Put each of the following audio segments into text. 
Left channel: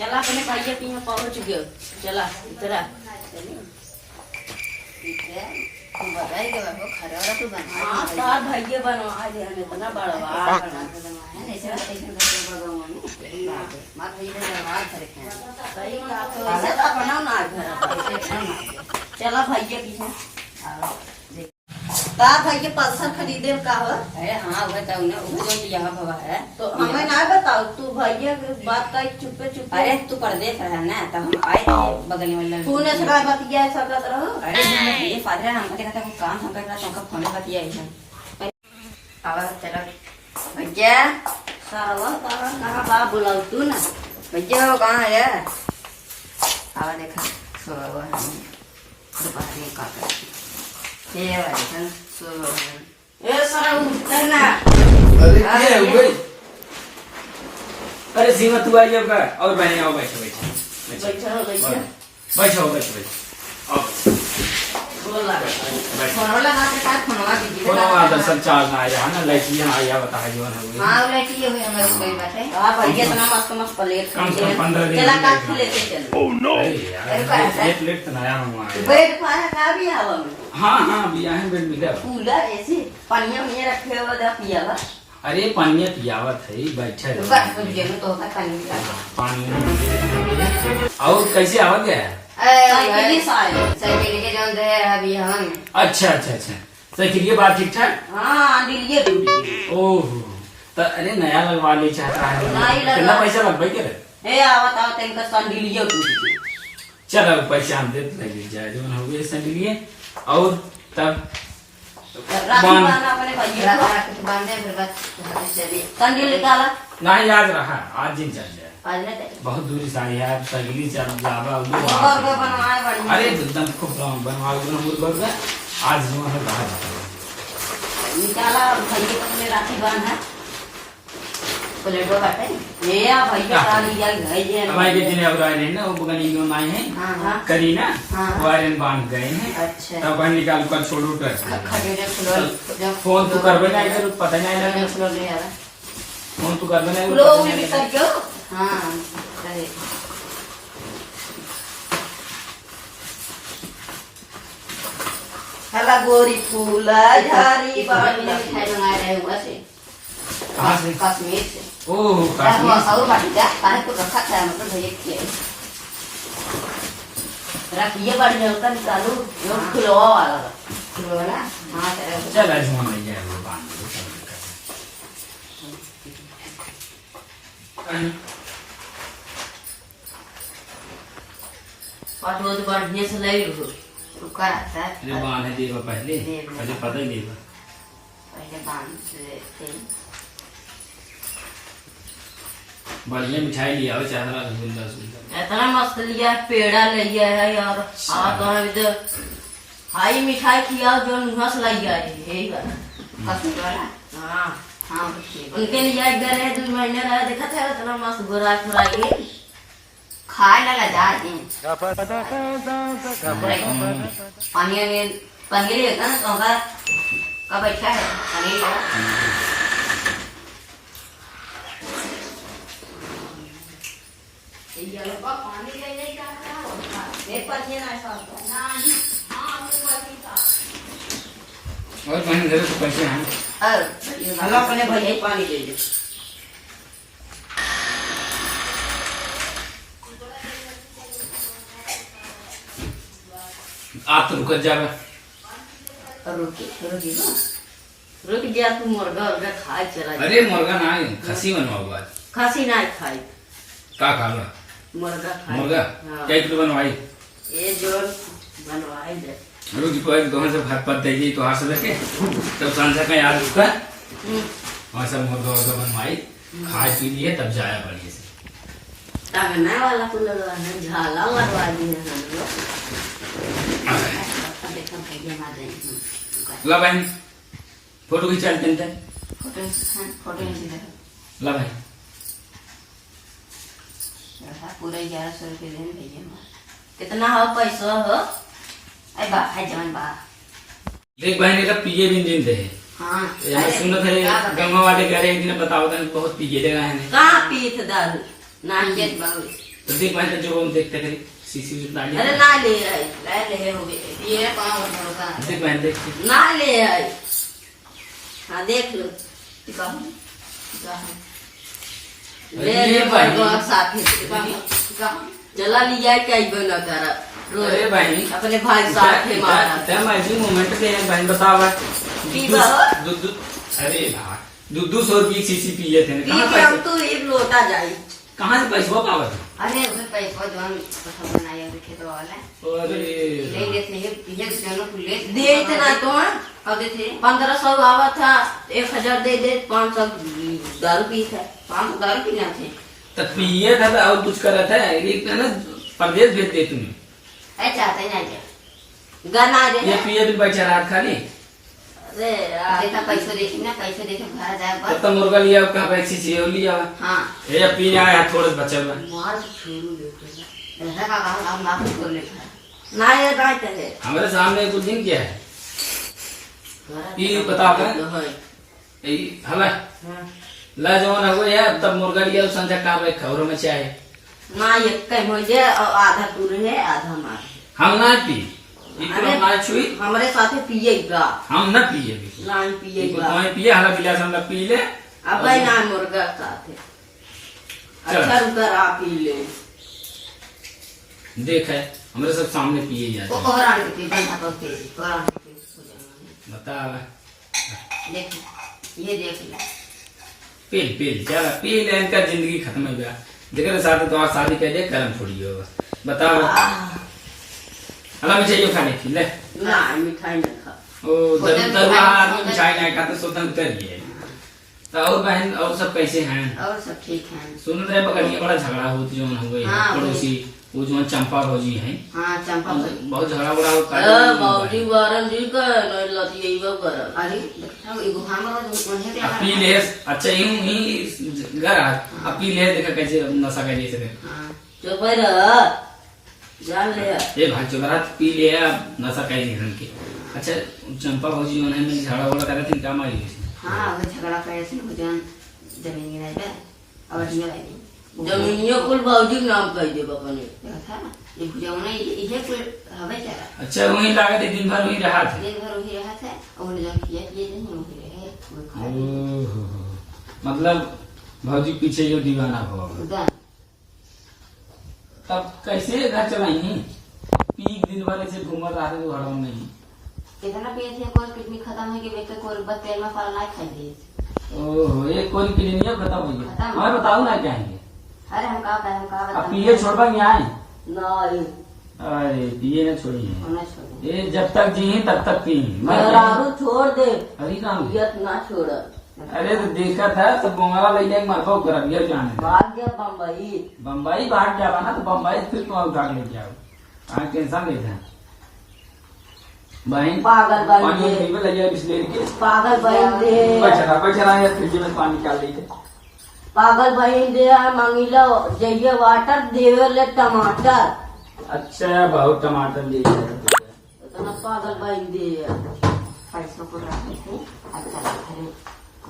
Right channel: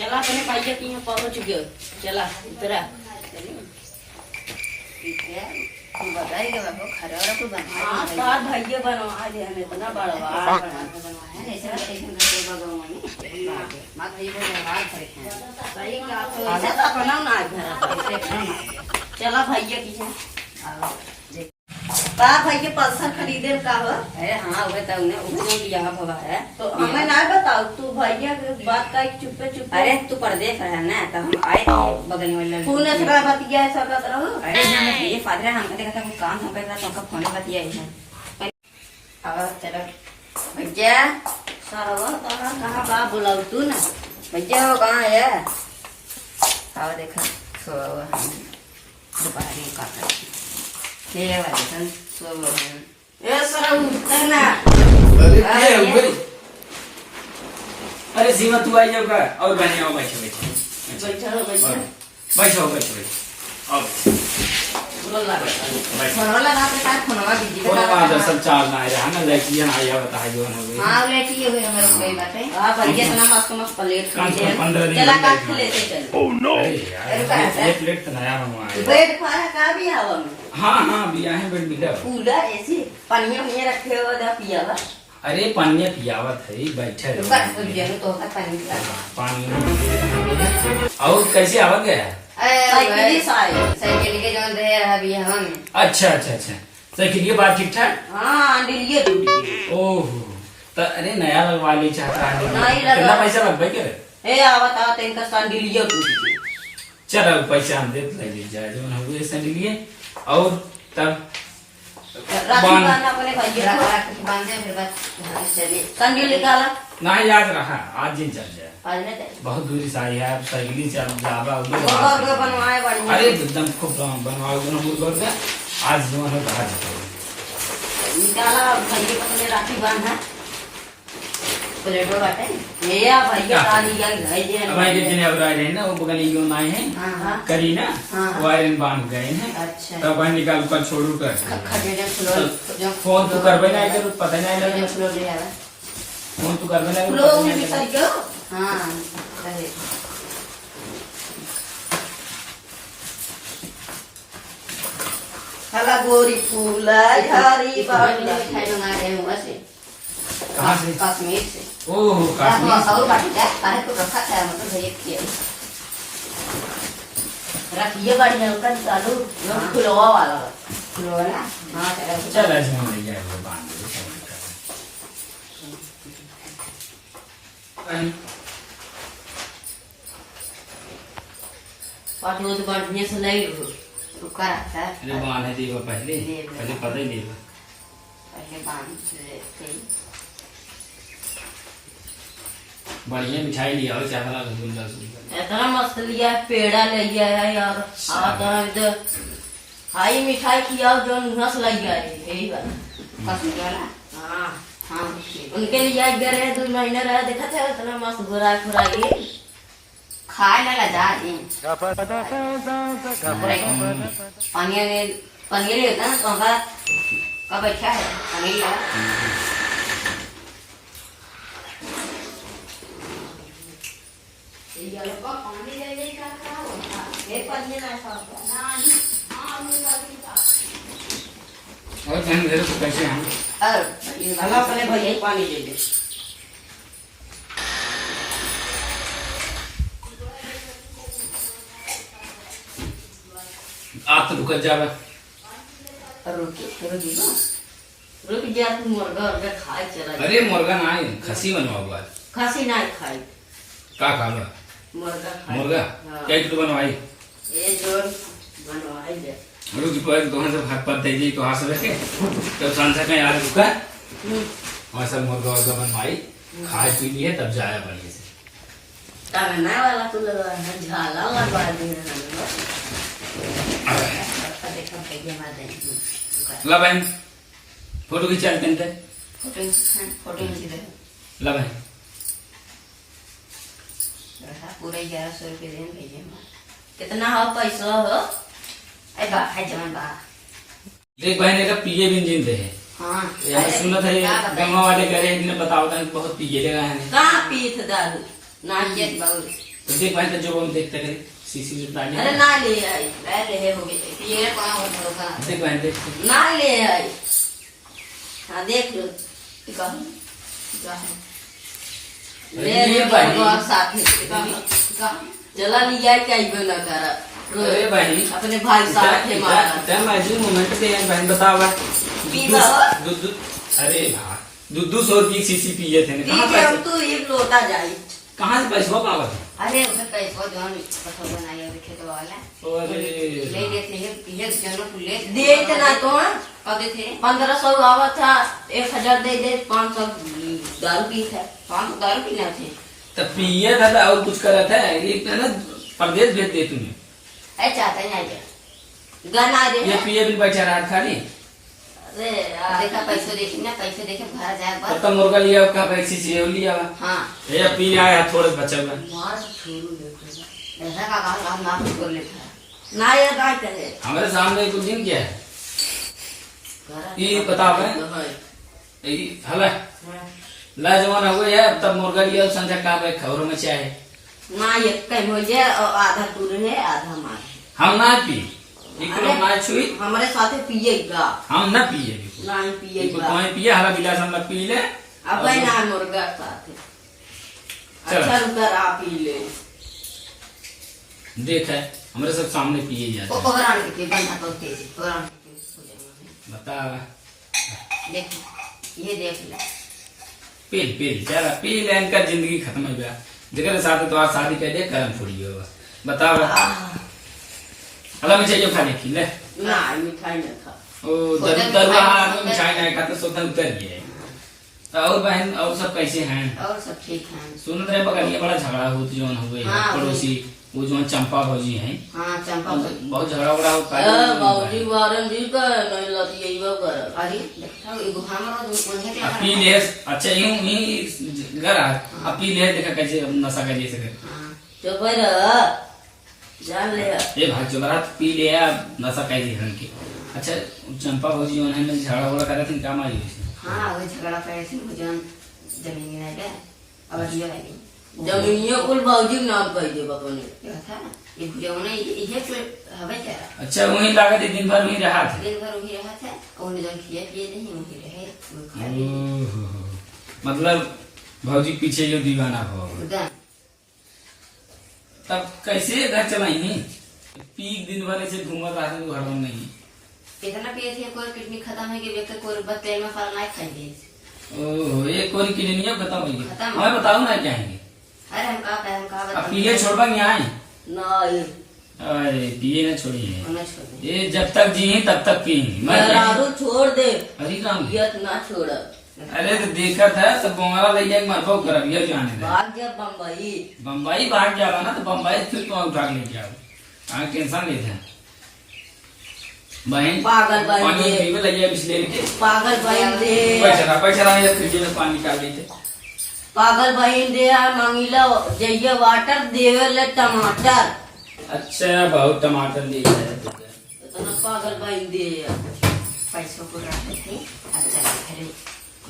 चला अपने भैया के यहाँ पहुँच गयो। चला इधर आ। बताई के बाबू खरा को बना हाँ तार भैया बनवा दे हमें इतना बड़वा बनवाया ऐसे स्टेशन का भगवान मां भैया को बनवा करे सही का तो ऐसा बनाओ ना घर। चला भैया की यहाँ का भैया पल्सर खरीदे का हो। अरे हाँ वो तो उन्हें दिया भवा है तो हमें ना बताओ तू भैया की बात का चुपे चुपे। अरे तू परदेश है ना तो हम आए थे बगल वाले तूने से बतिया सब बात रहो। अरे ये फादर हम कहते कुछ काम हम कहता तो फोन बतिया है अब चलो भैया सावन कहाँ बा बुलाऊ तू ना। भैया वो कहाँ है अब देखा सो दोपहर में काटा ये वाले सन सो ए सारा उठते ना। अरे क्या है भाई? अरे सीमा तू आई जब का और बहने आओ बैठो बैठो बैठो अब बोला फोन लगा के साथ फोनवा बिजी फोन आ दरअसल चार्ज ना आया ना लड़की ना आया बता जो ना हां लड़की हो हमारे कोई बात है हां भैया इतना मस्त मस्त प्लेट खरीदे 15 दिन चला का खिलेते चल। ओह नो एक प्लेट तो नया मंगवाया बेड पाया का भी हवा में। हाँ बिया है बेड मिला कूलर ऐसी पानिया में रखे हुए दा पिया वा। अरे पानी पियावत है बैठे बस तो जेनु तो पानी पानी और कैसे आवत गया साइकिल से आए। साइकिल के जान दे अभी हम अच्छा साइकिल के बाद ठीक ठाक हाँ डिलिए टूटी। ओह तो अरे नया लगवा ले चाहता है नहीं लगा। कितना पैसा लग भाई करे ए आवत आवत इनका संडिलियो टूटी। चलो पैसा हम दे लगे जाए जो हो गए संडिलिए और तब राखी बांधना अपने भैया को। रात बांधे फिर बस चलिए संडिल निकाला नहीं याद रहा आज दिन चल जाए आज में चल। बहुत दूरी से आई है अब साइकिल से अब जावा और को बनवाए बढ़िया। अरे एकदम खूब बनवाओगे ना मुर्गा आज जो है बाहर निकाला और भैया को अपने राखी बांधा। प्लेटो बाटे ये आ भैया का लिया गए जे अब आई दिन अब रहे हैं ना वो बगल में आए हैं हां हां करीना हाँ। वो आयरन बांध गए हैं अच्छा तब वही निकाल कर छोड़ू कर खड़े फ्लो जो फोन तो करबे नहीं कर पता नहीं लगे फ्लो ले आला फोन तो करबे नहीं लोग पता नहीं भी लगे। सर गयो। हां अरे हला गोरी फूल झारी बाड़ी मिठाई मंगा रहे हैं वैसे कहाँ से कश्मीर से ओह काश्मीर से। और बाटी जा काहे तो रखा था मतलब भेज के रखिए बड़ी जगह निकालू लोग खुलवा वाला फ्लो ना हां चल आज हम ले जाए वो बांध दे सब और रोज बढ़िया से ले लो। रुका था ये बांध है देगा पहले पता ही नहीं था पहले बांध लेते बढ़िया मिठाई लिया हो चाह रहा रसगुल्ला इतना मस्त लिया है, पेड़ा ले लिया है यार। हाँ तो इधर हाई मिठाई खिया जो मुँह से लिया है यही वाला। कश्मीर वाला हाँ हाँ उनके लिए गए रहे 2 महीने रहे देखा था इतना मस्त घुरा घुरा के खाए ना लगा दिन पनीर होता ना तो का बैठा है पनीर पानी ले जाए एक पनिया ना ऐसा होता है। और कहीं दे तो पैसे हैं और अल्लाह अपने भैया ही पानी ले ले। आप तो रुक जावे रुक गया तू मुर्गा वर्गा खाए चला जा। अरे मुर्गा ना है खसी बनवाओ आज खासी ना खाई का खावा मुर्गा खाई। मुर्गा हाँ। क्या किलो बनवाई ये जो बनवाई दे। रुकी पर तो से भात पत देगी तो हाथ से रखे तो सांसा का यार रुका और सब मुर्गा वर्गा बनवाई खाए पी लिए तब जाया बढ़िया से टांगने वाला तू लगा है झाला लगवा दिया देखो भैया ना जाए ला बहन फोटो खींचा लेते हैं फोटो खींच ला बहन पूरा 1100 रुपये देन भैया कितना हो पैसा हो। अरे बा है जवन बा देख बहन का पीए भी दिन दे है हाँ ये सुनत है गंगा वाले कह रहे हैं कि बताओ था बहुत पीए जगह है कहाँ पीठ दारू नाचे नाचेत बहुत तो देख भाई तो जो हम देखते करी सीसी जितना अरे ना ले आई ले हो गए ये कहाँ हो तो का देख भाई देख ना ले आई। हाँ देख लो कहाँ ले अरे ले भाई। बरगद साथे कहाँ चला लिया कई बना कर अरे भाई अपने भाई साथ के मारा तब मैं जो मोमेंट दे भाई बतावा की बाबा? दूध अरे भाई दूध 100 रुपये सीसी पिए थे कहाँ ठीक है हम पैसे तो एक लोटा जाई। कहाँ से पैसा पावा था अरे उसमें पैसा जो हम पसंद बनाया खेत वाला अरे ले लेते हैं ये जनों को ले दे इतना कौन कब देते 1500 आवा था 1000 दे दे 500 दारू पी था। 500 दारू पीना थे तो पिए था तो और कुछ करा था एक ना प्रदेश भेज दे तुम्हें ऐ चाहते हैं आगे गाना रे ये पिए भी बचा रात खाली अरे यार, देखा पैसे देखे ना पैसे देखे घर जाए तब बस तक मुर्गा लिया कहाँ पैसे चाहिए लिया हाँ ये पी आया थोड़ा सा बचा हुआ मार छुरू देखो ऐसा का काम माफ कर लेता ना ये बात है हमारे सामने कुछ दिन क्या है ये बता ये हला ला जवान हो गया तब मुर्गा लिया संजा का भाई खबर में चाहे ना ये कहीं हो जाए और आधा तू है आधा मार हम ना पी इको ना छुई हमारे साथे पिएगा हम न पिए बिल्कुल ना ही इको पिएगा कोई पिए हला गिलास हम न पी ले अब भाई ना मुर्गा साथे चलो। अच्छा रुकर आप पी ले देख है हमारे सब सामने पिए जाते वो हैं। कोहरान के बना तो थे कोहरान के बता देख ये देख ले पील पील चल पी ले इनका जिंदगी खत्म हो गया जेकर साथ तो आप शादी कर दे कर्म छोड़ी होगा बता हला मिठाई जो खाने की ले ना मिठाई न खा ओ दरुआ आदमी मिठाई नहीं खाते सोतन करिए तो और बहन और सब कैसे हैं और सब ठीक है सुन रहे बगलिया बड़ा झगड़ा होती जो हो गई हाँ, पड़ोसी वो जो चंपा भौजी है हाँ चंपा बहुत झगड़ा बड़ा होता बाबूजी वारन जी का नहीं लती यही वो कर अरे देखा एगो हमारा जो उन्हें क्या पी ले अच्छा यूं ही घर आ पी ले देखा कैसे नशा करिए सके हाँ चुप रह जान ले ये भाई जो बारात पी ले नशा करिए हम की अच्छा चंपा भौजी उन्होंने झगड़ा वाला करा थी काम आई उसे हाँ वो झगड़ा करे थे वो जवान जमीन गिरा गया अब ये वाली जमीनिया कुल बाबूजी के नाम कह दे बापा ने क्या था ये भुजा उन्हें ये कुल हवे क्या अच्छा वही लागत दिन भर वही रहा था दिन भर वही रहा था और उन्हें जो किया पिए नहीं वही रहे वो खा लिए। ओहो। मतलब भौजी पीछे जो दीवाना हो उधर तब कैसे घर चलाई पी दिन भर ऐसे घूमत आदमी घर में नहीं इतना पिए थे कोई किडनी खत्म है कि व्यक्ति कोई बस तेल में फल नहीं खाएंगे ओहो ये कोई क्लिनिक खत्म हो गया खत्म। हमें बताओ ना क्या है अरे हम कहा अब पिए छोड़वा क्या है नहीं अरे पिए ना छोड़िए उन्हें छोड़ दे ये जब तक जी तब तक पी मैं दारू छोड़ दे हरी काम यत ना छोड़ अरे तो देखा था तो बोंगला ले जाए मरबो कर दिया जाने दे भाग जा बम्बई बम्बई भाग गया ना तो बम्बई फिर तुम उठा के लेके आओ आगे टेंशन नहीं था बहन पागल बहन पानी ये। पीवे लगे बिस्लेरी के पागल बहन दे पैसा ये फ्रिज में पानी निकाल देते पागल बहन दे मंगीला जइए वाटर देवे ले टमाटर अच्छा बहुत टमाटर ले जाए इतना पागल बहन दे पैसों को रखते थे अच्छा घरे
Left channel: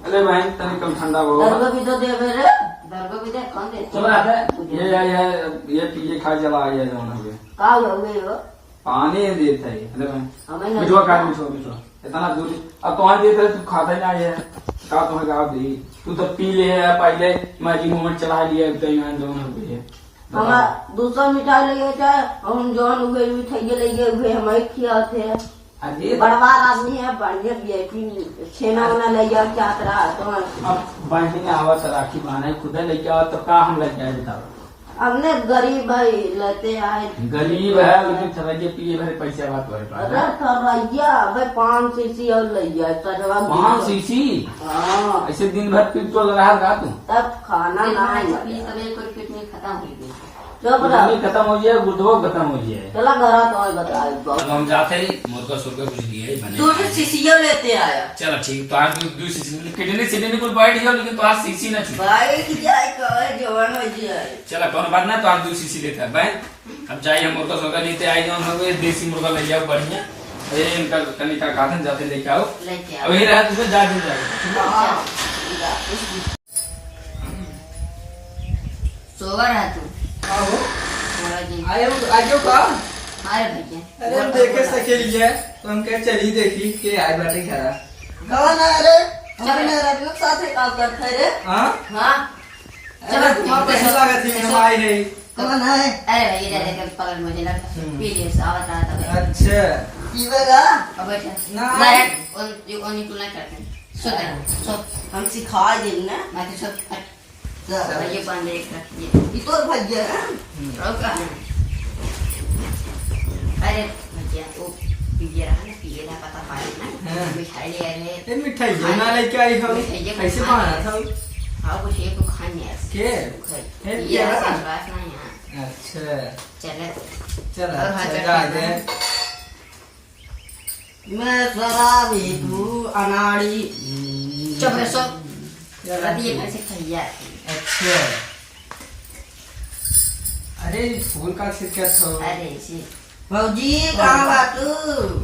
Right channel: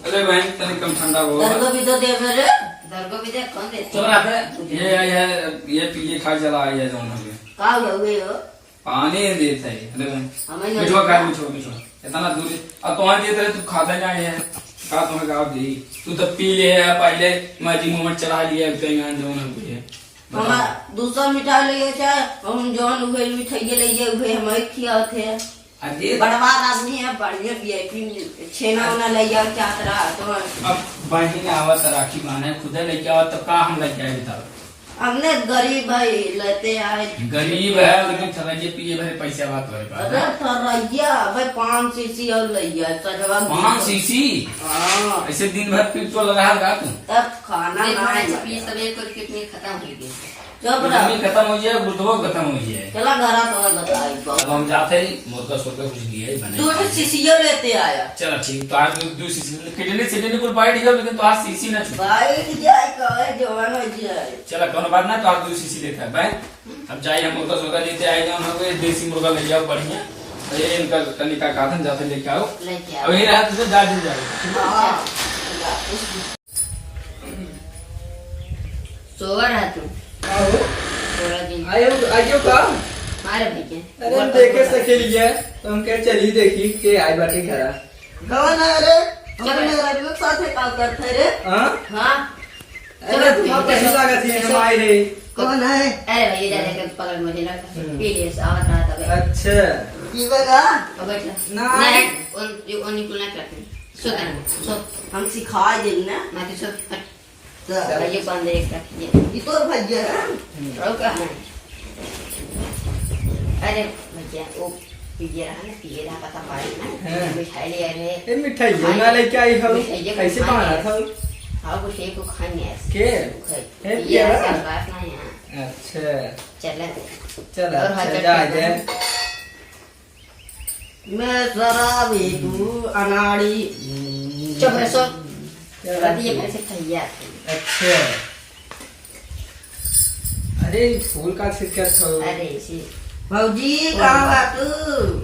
अरे बहन तने कम ठंडा हो दरगो भी तो देवे रे दरगो भी देख कौन देते चल रहा ये पिए खा जला ये जमाना में का हो गए हो पानी देते है अरे बहन हमें नहीं मिठवा खा मिठवा इतना दूर अब तुम्हारे देते रहे तू खाता नहीं है का तुम्हें का दी तू तो पी ले है पहले मैजी मोमेंट चला लिया तो मैं जो ना कुछ है हमारा दूसरा मिठाई ले चाहे हम जौन उहे मिठाई ले गए उहे हमें खिया थे अरे बड़वार आदमी है बढ़िया वीआईपी छेना उना ले गया क्या तरह तो अब बहन आवत राखी माने खुद लेके आओ तो का हम लेके आए बताओ हमने गरीब भाई लेते आए गरीब है लेकिन थरैये पिए भरे पैसे बात होए अरे थरैया भाई 5 सीसी और लिया सजवा 5 सीसी हाँ ऐसे दिन भर पी तो रहा का तू तब खाना देखना ना पिए तब एक किडनी खत्म हो गई चुप रह भी खत्म हो जाए गुर्दो खत्म हो जाए चला घर तो और बताई अब हम जाते ही मुर्गा सोकर कुछ दिए बने दूध सीसियो लेते आया चलो ठीक तो आज दू सीसी किडनी सिडनी कुल बैठ गया लेकिन तो आज सीसी ना छू भाई जाए कहे जवान हो जाए चलो कौन बात ना तो आज दू सीसी लेता है बहन अब जाइए हम मुर्गा सोकर लेते आए जाओ हम देसी मुर्गा ले जाओ बढ़िया ये इनका तनिका काटन जाते लेके आओ लेके अब यही रहा तो जा दिन जाओ हाँ सोवर है तू आओ लगी आइयो का मारे भैया अरे हम देखे सके लिए तो हम कह चली देखी के आई बाटे खरा कौन है रे हमने रवि साथ में काम करते रे हां हाँ अरे तुम कैसे लागत थी हम आई रे कौन है अरे भैया जाने के पकड़ मुझे लगा पी ले सावत रहा था अच्छा पीवेगा अब बैठा ना। वो निकलना करते हैं सो हम सिखा देंगे ना मैं तो सब क्या? ये बंद एक रखिए ये तो भैया है और क्या है अरे भैया वो पिए रहा पता पाई ना हाँ। मिठाई ले आए ये मिठाई जो ना लेके आई हो मिठाई कैसे बना था हाँ कुछ एक को खाने है के ये संगास ना यहाँ अच्छा चले चल और अच्छा हजरत जा करना। दे मैं शराबी तू अनाड़ी चुप रहो सो चल ये कैसे खाइए अच्छा अरे फूल का सिक्का छो अरे इसी भौजी कहाँ बा तू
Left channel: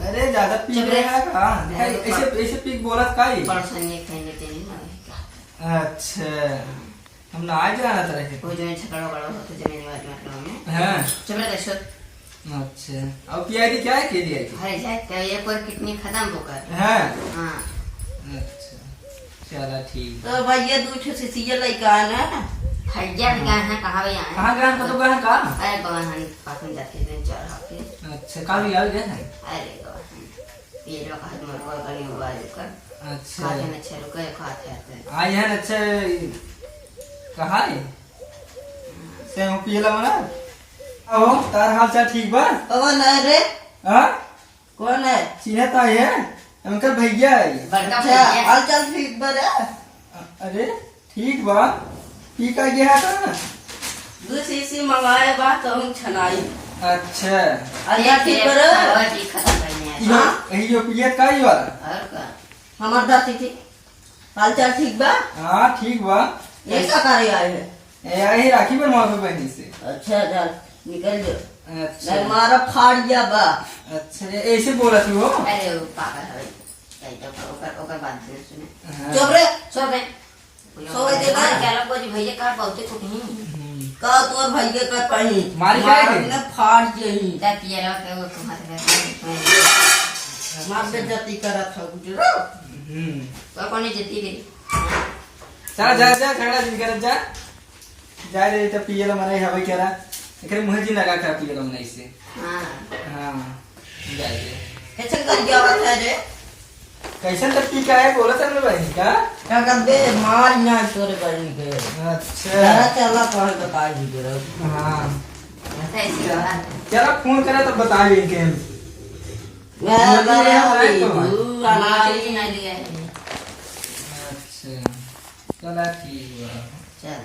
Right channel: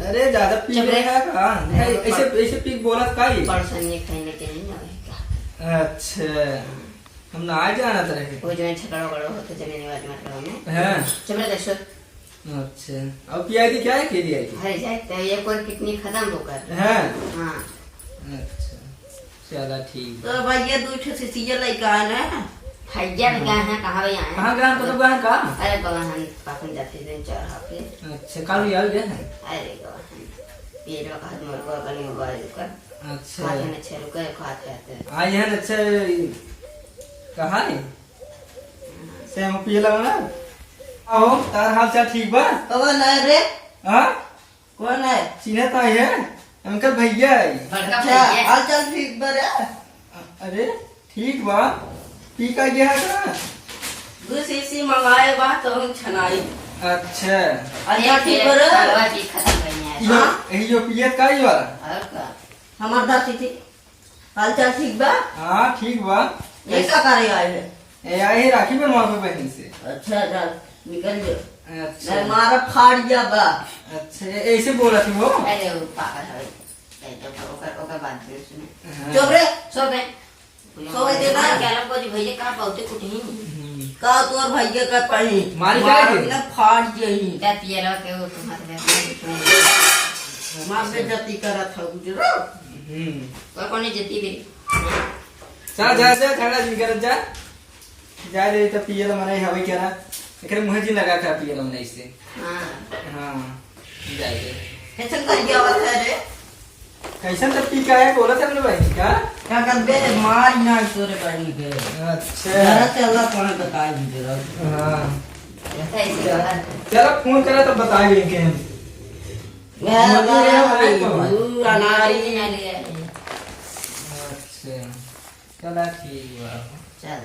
अरे ज्यादा पी चुप रहे रहे। हैं का ऐसे ऐसे पी बोलत का ही परसों नहीं खाएंगे तेरे ना अच्छा हम ना आ जाना रहे वो जो झगड़ा वगड़ा होता जमीन वाली मतलब में हैं चुप रहो सो अच्छा अब पियाई थी क्या है के लिए थी हरे जाए तो ये कोई कितनी खत्म होकर हैं हाँ अच्छा चला ठीक तो भैया दूठ से सिया लड़का है ना भैया भी गए हैं कहाँ भी आए हैं कहाँ गए हैं? कतो गए हैं का अरे गवाहन पाखन जाते दिन चार हफ्ते अच्छा काल यार गए हैं अरे गवाहन पेड़ में कहा मोर को कहीं उगा रुकर अच्छा खाते हैं अच्छे रुके खाते आते आज है अच्छा कहा है से हम पियला ना आओ तार हाल चाल ठीक बा कौन है रे हां कौन है चिन्हत आई है अंकल भैया है बड़का अच्छा भैया हाल चाल ठीक बा रे अरे ठीक बा पी का ये है का दो शीशी मंगाए बा तो हम छनाई अच्छा अच्छा ठीक बा रे हलवा जी खत्म करने आए यो यही जो पियत का ही वाला और का हमार दासी थी हाल चाल ठीक बा हां ठीक बा ये का करे आए है ए आई राखी पर मां पे बहनी से अच्छा चल निकल जा अच्छा मैं मारा फाड़ दिया बा अच्छा ऐसे बोला थी वो अरे वो पागल है तो ओकर बात सुने हाँ। चुप रे सो गए सो गए थे ना? क्या लोग बोली भैया कहा बहुत कुछ नहीं का तोर भैया का कहीं मारी क्या है? ने फाड़ दिए क्या पिए रहो के वो तुम्हारे मार बेइज्जती करत हो गुजरो कोई कौन जती गई जा जा जा झगड़ा जिन कर जा जा रे तो पिए मने हवे केरा एकरे मुंह जी लगा के पिए मने इससे हाँ हां जा रे कैसे कर दिया बता रे कैसन तो पी का है बोला तुमने भाई क्या कर बे मार ना तोरे बहन के अच्छा चला कहां बता दी दे रहा हां ऐसी बात चलो फोन करा तो बता देंगे हम मैं तू अनाड़ी नहीं लिया अच्छा चला ठीक हुआ चल